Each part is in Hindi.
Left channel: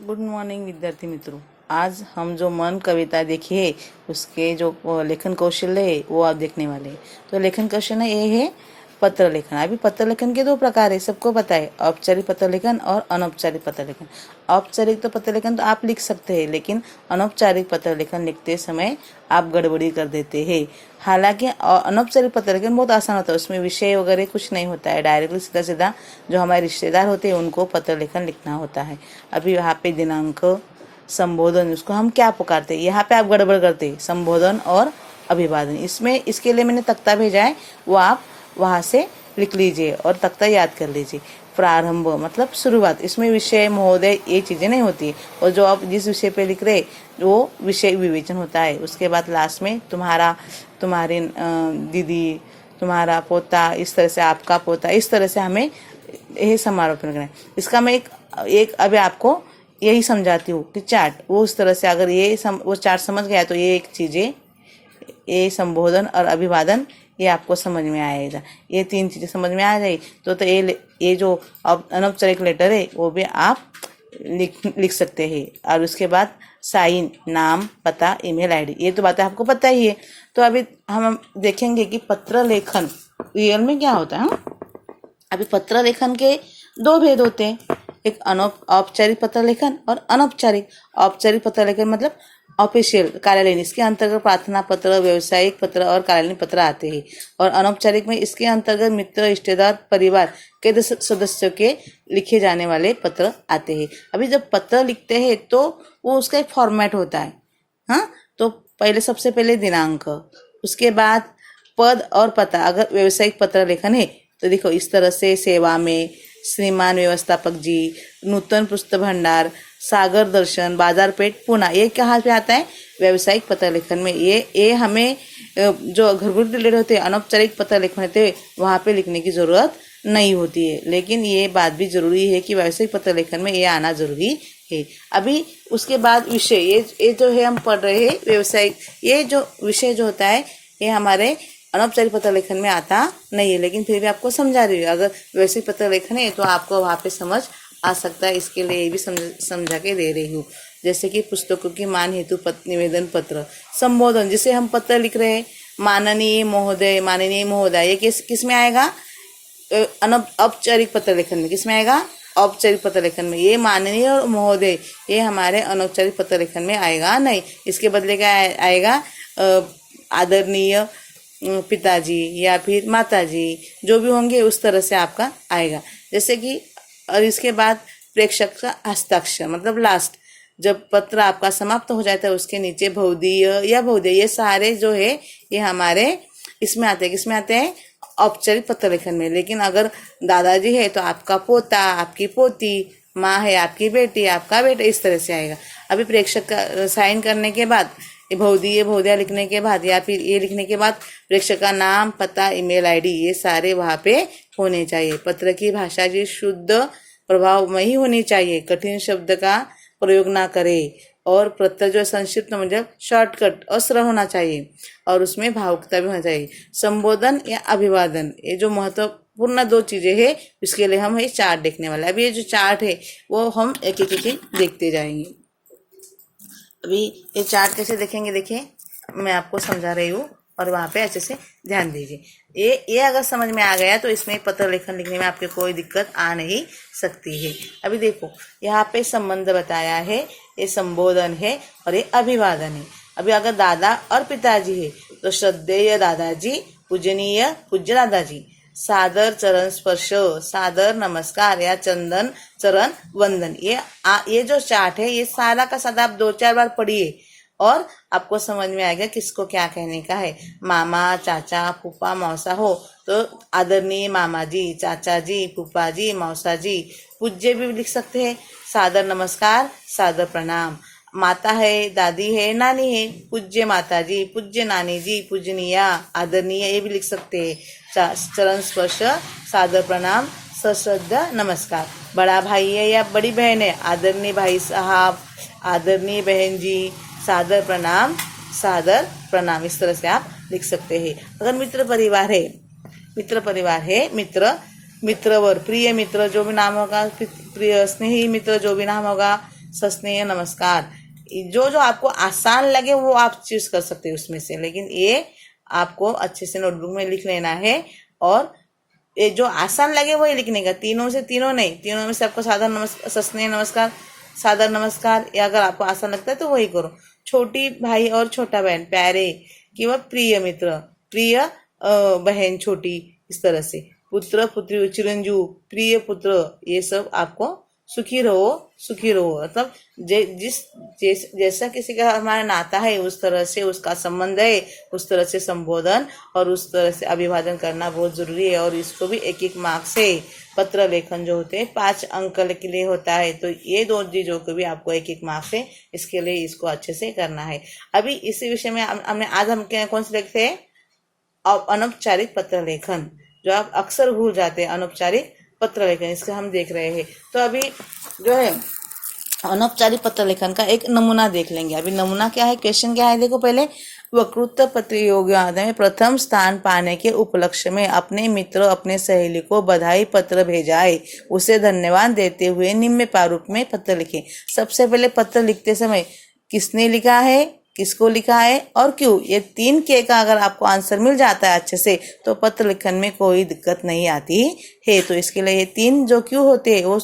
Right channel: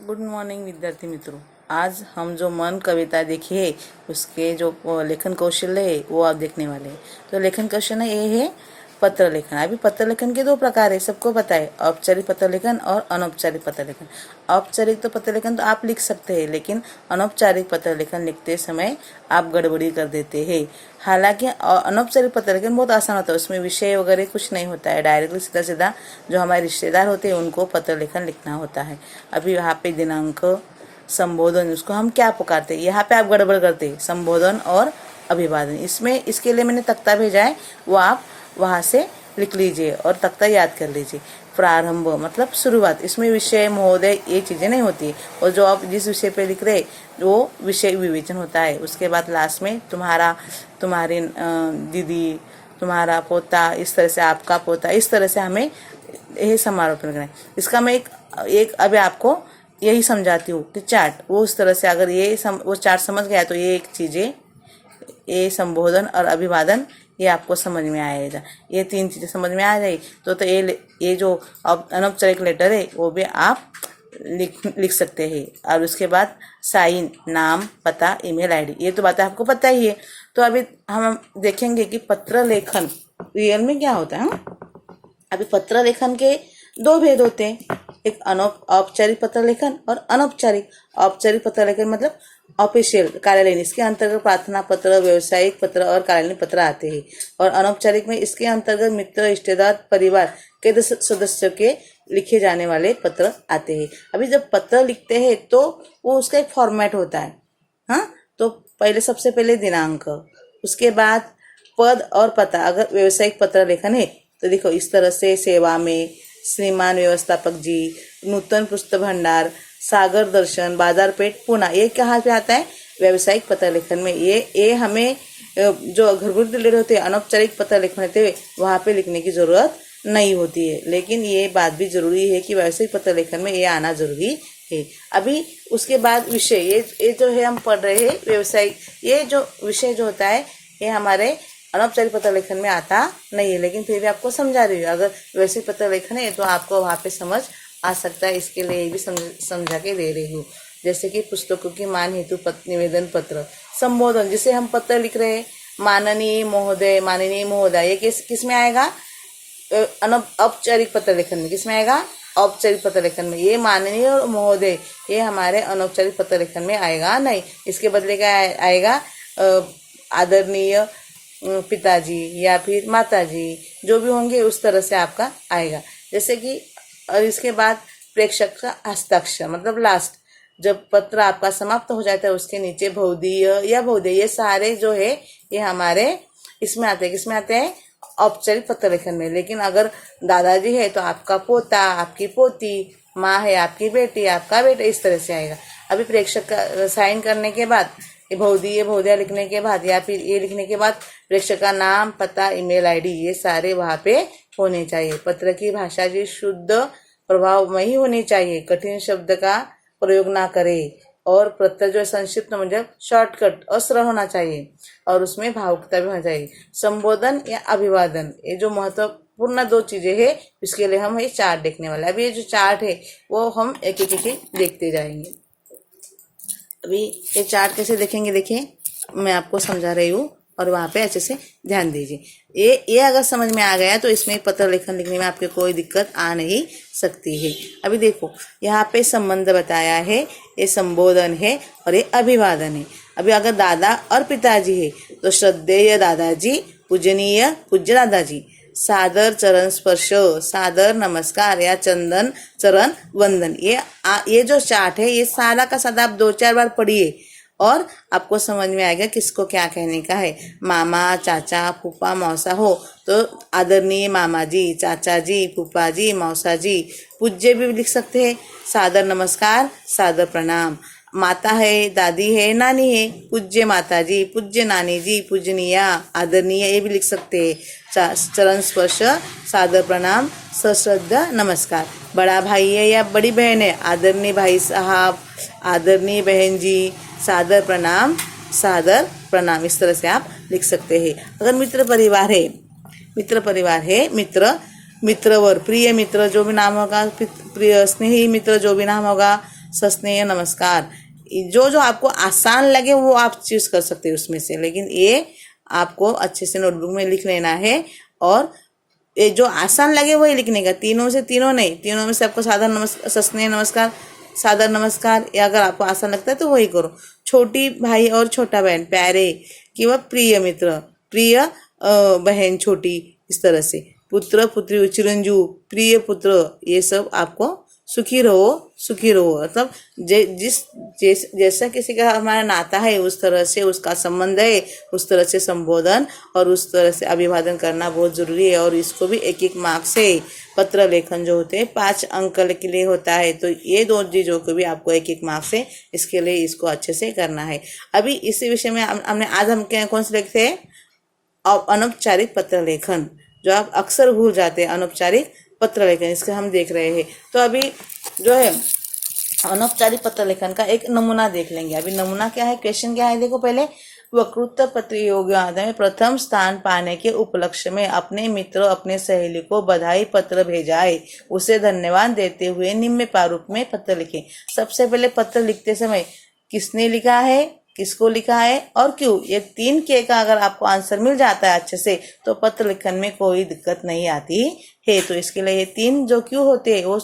गुड मॉर्निंग विद्यार्थी मित्रों। आज हम जो मन कविता देखी है उसके जो लेखन कौशल्य है वो आप देखने वाले हैं। तो लेखन कौशल्य ये है पत्र लेखन। अभी पत्र लेखन के दो प्रकार है, सबको पता है, औपचारिक पत्र लेखन और अनौपचारिक पत्र लेखन। औपचारिक तो पत्र लेखन तो आप लिख सकते हैं, लेकिन अनौपचारिक पत्र लेखन लिखते समय आप गड़बड़ी कर देते हैं। हालांकि अनौपचारिक पत्र लेखन बहुत आसान होता है, उसमें विषय वगैरह कुछ नहीं होता है, डायरेक्टली सीधा सीधा जो हमारे रिश्तेदार होते हैं उनको पत्र लेखन लिखना होता है। अभी यहाँ पे दिनांक, संबोधन, उसको हम क्या पुकारते हैं, यहाँ पे आप गड़बड़ करते हैं, संबोधन और अभिवादन। इसमें इसके लिए मैंने तख्ता भेजा है, वो आप वहां से लिख लीजिए और तख्ता याद कर लीजिए। प्रारंभ मतलब शुरुआत, इसमें विषय, महोदय ये चीजें नहीं होती, और जो आप जिस विषय पे लिख रहे वो विषय विवेचन होता है। उसके बाद लास्ट में तुम्हारा, तुम्हारी दीदी, तुम्हारा पोता, इस तरह से आपका पोता, इस तरह से हमें यही समारोह करना है। इसका मैं एक अभी आपको यही समझाती हूँ कि चार्ट, वो उस तरह से अगर वो चार्ट समझ गया तो ये एक चीजें, ये संबोधन और अभिवादन ये आपको समझ में आएगा। ये तीन चीजें समझ में आ जाए तो ये जो अनौपचारिक लेटर है वो भी आप लिख सकते हैं। और उसके बाद साइन, नाम, पता, ईमेल आईडी, ये तो बातें आपको पता ही है। तो अभी हम देखेंगे कि पत्र लेखन रियल में क्या होता है। अभी पत्र लेखन के दो भेद होते हैं, एक औपचारिक पत्र लेखन और अनौपचारिक। औपचारिक पत्र लेखन मतलब ऑफिशियल, कार्यालयीन, इसके अंतर्गत प्रार्थना पत्र, व्यवसायिक पत्र और कार्यालयीन पत्र आते हैं। और अनौपचारिक में इसके अंतर्गत मित्र, रिश्तेदार, परिवार के सदस्यों के लिखे जाने वाले पत्र आते हैं। अभी जब पत्र लिखते हैं तो वो उसका एक फॉर्मेट होता है। हाँ, तो पहले सबसे पहले दिनांक, उसके बाद पद और पता। अगर व्यवसायिक पत्र लेखन है तो देखो इस तरह से, सेवा में श्रीमान व्यवस्थापक जी, नूतन पुस्तक भंडार, सागर दर्शन, बाजारपेठ, पुणे, ये कहाँ पे आता है, व्यवसायिक पत्र लेखन में। ये हमें जो घरगुती रिलेटेड होते हैं, अनौपचारिक पत्र लेखन होते हैं, वहां पे लिखने की जरूरत नहीं होती है। लेकिन ये बात भी जरूरी है कि व्यवसायिक पत्र लेखन में ये आना जरूरी है। अभी उसके बाद विषय, ये जो है हम पढ़ रहे हैं व्यवसायिक, ये जो विषय जो होता है ये हमारे अनौपचारिक पत्र लेखन में आता नहीं है, लेकिन फिर भी आपको समझा रही हूँ। अगर व्यवसायिक पत्र लेखन है तो आपको वहां पे समझ आ सकता है, इसके लिए ये भी समझा के दे रही हूँ। जैसे कि पुस्तकों की मान हेतु निवेदन पत्र। संबोधन, जिसे हम पत्र लिख रहे हैं, माननीय महोदय, माननीय महोदय, ये किस में आएगा, औपचारिक पत्र लेखन में। किस में आएगा, औपचारिक पत्र लेखन में। ये माननीय और महोदय ये हमारे अनौपचारिक पत्र लेखन में आएगा नहीं। इसके बदले क्या आएगा, आदरणीय पिताजी या फिर माताजी, जो भी होंगे उस तरह से आपका आएगा। जैसे कि, और इसके बाद प्रेषक का हस्ताक्षर मतलब लास्ट, जब पत्र आपका समाप्त हो जाता है उसके नीचे भौदीय या भौदेय, ये सारे जो है ये हमारे इसमें आते हैं। किसमें आते हैं, औपचारिक पत्र लेखन में। लेकिन अगर दादाजी है तो आपका पोता, आपकी पोती, माँ है आपकी बेटी, आपका बेटा, इस तरह से आएगा। अभी प्रेषक का साइन करने के बाद, भौदिया लिखने के बाद या फिर ये लिखने के बाद प्रेषक का नाम, पता, ईमेल आईडी, ये सारे वहां पे होने चाहिए। पत्र की भाषा जी शुद्ध प्रभावमयी होनी चाहिए, कठिन शब्द का प्रयोग ना करे, और पत्र जो संक्षिप्त मतलब शॉर्टकट, असर होना चाहिए, और उसमें भावुकता भी होना चाहिए। संबोधन या अभिवादन, ये जो महत्वपूर्ण दो चीजें हैं, इसके लिए हम ये चार्ट देखने वाले। अभी ये जो चार्ट है वो हम एक एक देखते जाएंगे। अभी ये चार्ट कैसे देखेंगे, देखिए मैं आपको समझा रही हूँ और वहां पे अच्छे से ध्यान दीजिए। ये अगर समझ में आ गया तो इसमें पत्र लेखन लिखने में आपके कोई दिक्कत आ नहीं सकती है। अभी देखो यहाँ पे संबंध बताया है, ये संबोधन है और ये अभिवादन है। अभी अगर दादा और पिताजी है तो श्रद्धेय दादाजी, पूजनीय पूज्य दादाजी, सादर चरण स्पर्श, सादर नमस्कार या चंदन चरण वंदन। ये जो चार्ट है ये सारा का सारा आप 2-4 बार पढ़िए और आपको समझ में आएगा किसको क्या कहने का है। मामा, चाचा, फूफा, मौसा हो तो आदरणीय मामा जी, चाचा जी, फूफा जी, मौसा जी। पूज्य भी लिख सकते हैं, सादर नमस्कार, सादर प्रणाम। माता है, दादी है, नानी है, पूज्य माता जी, पूज्य नानी जी, पूजनीया, आदरणीय, ये भी लिख सकते हैं। चरण स्पर्श, सादर प्रणाम, सश्रद्धा नमस्कार। बड़ा भाई है या बड़ी बहन है, आदरणीय भाई साहब, आदरणीय बहन जी, सादर प्रणाम, सादर प्रणाम, इस तरह से आप लिख सकते हैं। अगर मित्र परिवार है, मित्रवर, प्रिय मित्र जो भी नाम होगा, प्रिय स्नेही मित्र जो भी नाम होगा, सस्नेह नमस्कार। जो जो आपको आसान लगे वो आप चूज कर सकते हैं उसमें से, लेकिन ये आपको अच्छे से नोटबुक में लिख लेना है। और ये जो आसान लगे वही लिखने का, तीनों से तीनों नहीं, तीनों में से आपको साधारण नमस्कार, सस्नेह नमस्कार, साधारण नमस्कार, या अगर आपको आसान लगता है तो वही करो। छोटी भाई और छोटा बहन, प्यारे किंवा प्रिय मित्र, प्रिय बहन छोटी, इस तरह से पुत्र पुत्री, चिरंजीव, प्रिय पुत्र, ये सब आपको सुखी रहो मतलब जैसा किसी का हमारा नाता है उस तरह से उसका संबंध है, उस तरह से संबोधन और उस तरह से अभिवादन करना बहुत जरूरी है। और इसको भी एक एक मार्क्स से पत्र लेखन जो होते हैं 5 अंक के लिए होता है, तो ये 2 चीजों को भी आपको एक एक मार्क्स से इसके लिए इसको अच्छे से करना है। अभी इसी विषय में हमने आज हम कौन से लिखते हैं, अनौपचारिक पत्र लेखन, जो आप अक्सर भूल जाते हैं, अनौपचारिक पत्र लेखन, इसका हम देख रहे हैं। तो अभी जो है अनौपचारिक पत्र लेखन का एक नमूना देख लेंगे। अभी नमूना क्या है, क्वेश्चन क्या है, देखो पहले, वक्तृत्व प्रतियोगिता में प्रथम स्थान पाने के उपलक्ष्य में अपने मित्र अपने सहेली को बधाई पत्र भेजाए, उसे धन्यवाद देते हुए निम्न प्रारूप में पत्र लिखे। सबसे पहले पत्र लिखते समय किसने लिखा है, किसको लिखा है और क्यों, ये 3 के का अगर आपको आंसर मिल जाता है अच्छे से तो पत्र लिखन में कोई दिक्कत नहीं आती है। तो इसके लिए ये 3 जो क्यों होते हैं वो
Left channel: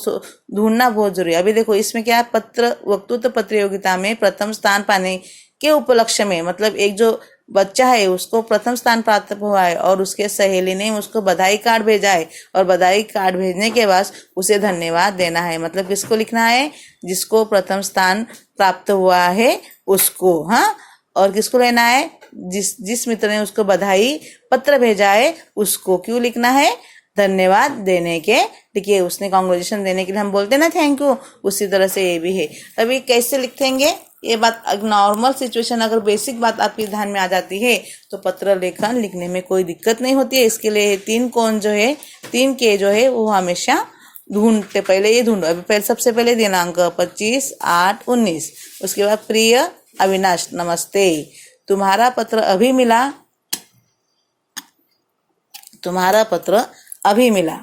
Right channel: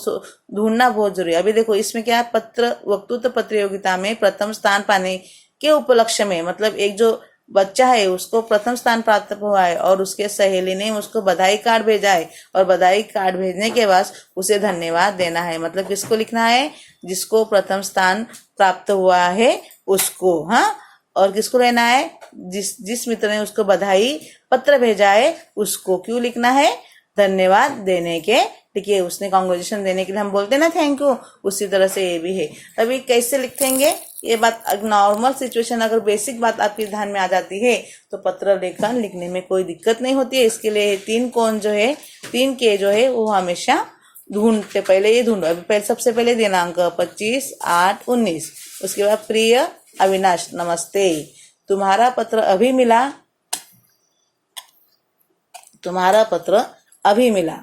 ढूंढना बहुत जरूरी है। अभी देखो इसमें क्या है, वक्तृत्व प्रतियोगिता में प्रथम स्थान पाने के उपलक्ष्य में, मतलब एक जो बच्चा है उसको प्रथम स्थान प्राप्त हुआ है और उसके सहेली ने उसको बधाई कार्ड भेजा है, और बधाई कार्ड भेजने के बाद उसे धन्यवाद देना है। मतलब किसको लिखना है, जिसको प्रथम स्थान प्राप्त हुआ है उसको, हाँ, और किसको लेना है, जिस मित्र ने उसको बधाई पत्र भेजा है उसको। क्यों लिखना है, धन्यवाद देने के, देखिए उसने कांग्रेचुलेशन देने के लिए हम बोलते हैं ना थैंक यू, उसी तरह से ये भी है। अभी कैसे लिखेंगे ये बात, नॉर्मल सिचुएशन अगर बेसिक बात आपके ध्यान में आ जाती है तो पत्र लेखन लिखने में कोई दिक्कत नहीं होती है। इसके लिए 3 कोण जो है, 3 के जो है वो हमेशा ढूंढते, पहले ये ढूंढो। अभी पहले सबसे पहले दिनांक 25/8/19, उसके बाद प्रिय अविनाश नमस्ते, तुम्हारा पत्र अभी मिला, तुम्हारा पत्र अभी मिला,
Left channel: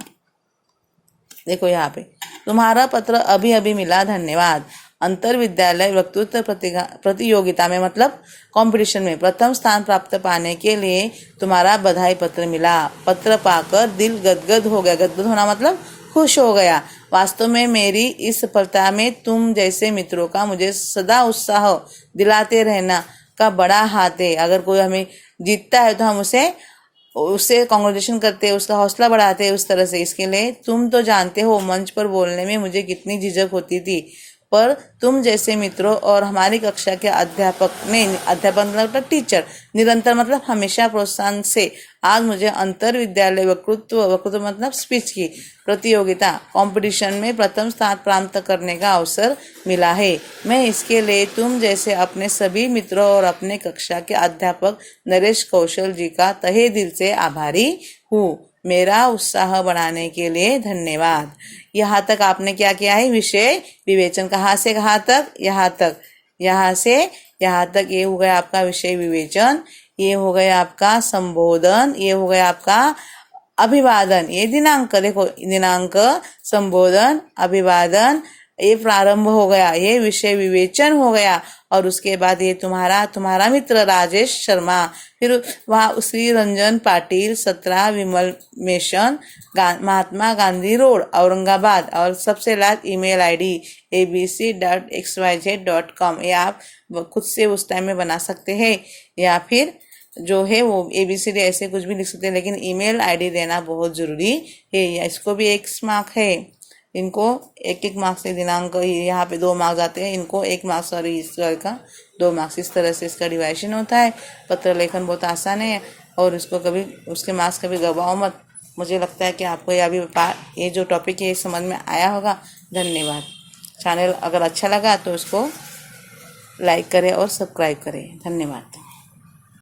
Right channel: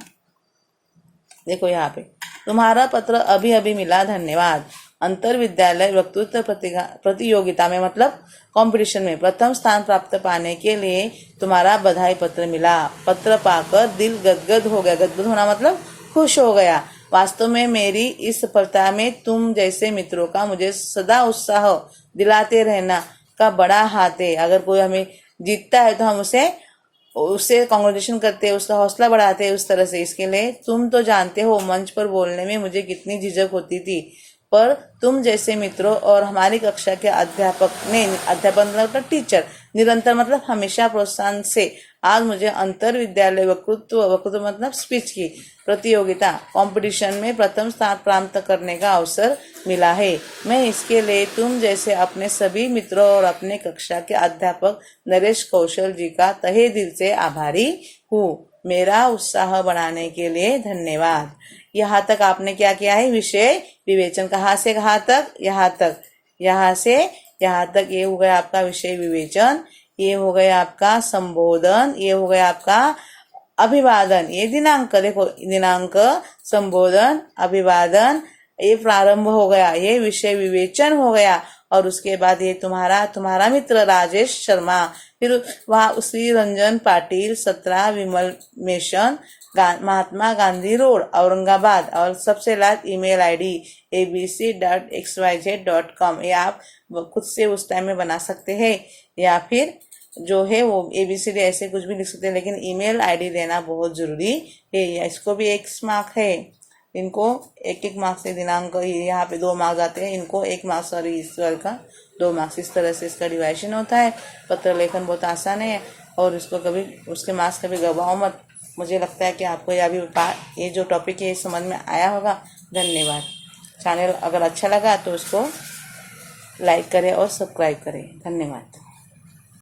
देखो यहाँ पे तुम्हारा पत्र अभी मिला, धन्यवाद। अंतर विद्यालय वक्तृत्व प्रतियोगिता में, मतलब कंपटीशन में प्रथम स्थान प्राप्त पाने के लिए तुम्हारा बधाई पत्र मिला। पत्र पाकर दिल गदगद हो गया, गदगद होना मतलब खुश हो गया। वास्तव में मेरी इस सफलता में तुम जैसे मित्रों का मुझे सदा उत्साह दिलाते रहना का बड़ा हाथ है। अगर कोई हमें जीतता है तो हम उसे कांग्रेचुलेशन करते हैं, उसका हौसला बढ़ाते हैं उस तरह से। इसके लिए तुम तो जानते हो मंच पर बोलने में मुझे कितनी झिझक होती थी, पर तुम जैसे मित्रों और हमारी कक्षा के अध्यापक मतलब टीचर निरंतर मतलब हमेशा प्रोत्साहन से आज मुझे अंतर विद्यालय वक्तृत्व मतलब स्पीच की प्रतियोगिता कंपटीशन में प्रथम स्थान प्राप्त करने का अवसर मिला है। मैं इसके लिए तुम जैसे अपने सभी मित्रों और अपने कक्षा के अध्यापक नरेश कौशल जी का तहे दिल से आभारी हूँ। मेरा उत्साह बढ़ाने के लिए धन्यवाद। यहाँ तक आपने क्या किया है, विषय विवेचन, कहाँ से कहाँ तक, यहाँ तक, यहाँ से यहाँ तक, ये हो गया आपका विषय विवेचन, ये हो गया आपका संबोधन, ये हो गया आपका अभिवादन, ये दिनांक, देखो दिनांक, संबोधन, अभिवादन, ये प्रारंभ हो गया, ये विषय विवेचन हो गया। और उसके बाद ये तुम्हारा मित्र राजेश शर्मा, फिर वहाँ श्री रंजन पाटिल 17 विमल मेशन महात्मा गांधी रोड औरंगाबाद, और सबसे लास्ट ईमेल आईडी abc.xyz.com, ये आप खुद से उस टाइम में बना सकते हैं, या फिर जो है वो ABCD ऐसे कुछ भी लिख सकते हैं, लेकिन ईमेल आईडी देना बहुत जरूरी है। इसको भी 1 मार्क है, इनको 1 मार्क्स से दिनांक, यहाँ पे 2 मार्क्स आते हैं, इनको 1 मार्क्स और इस का 2 मार्क्स, इस तरह से इसका डिवाइशन होता है। पत्र लेखन बहुत आसान है और इसको कभी उसके मार्क्स कभी गवाओ मत। मुझे लगता है कि आपको ये जो टॉपिक है समझ में आया होगा। धन्यवाद। चैनल अगर अच्छा लगा तो उसको लाइक करें और सब्सक्राइब करें। धन्यवाद।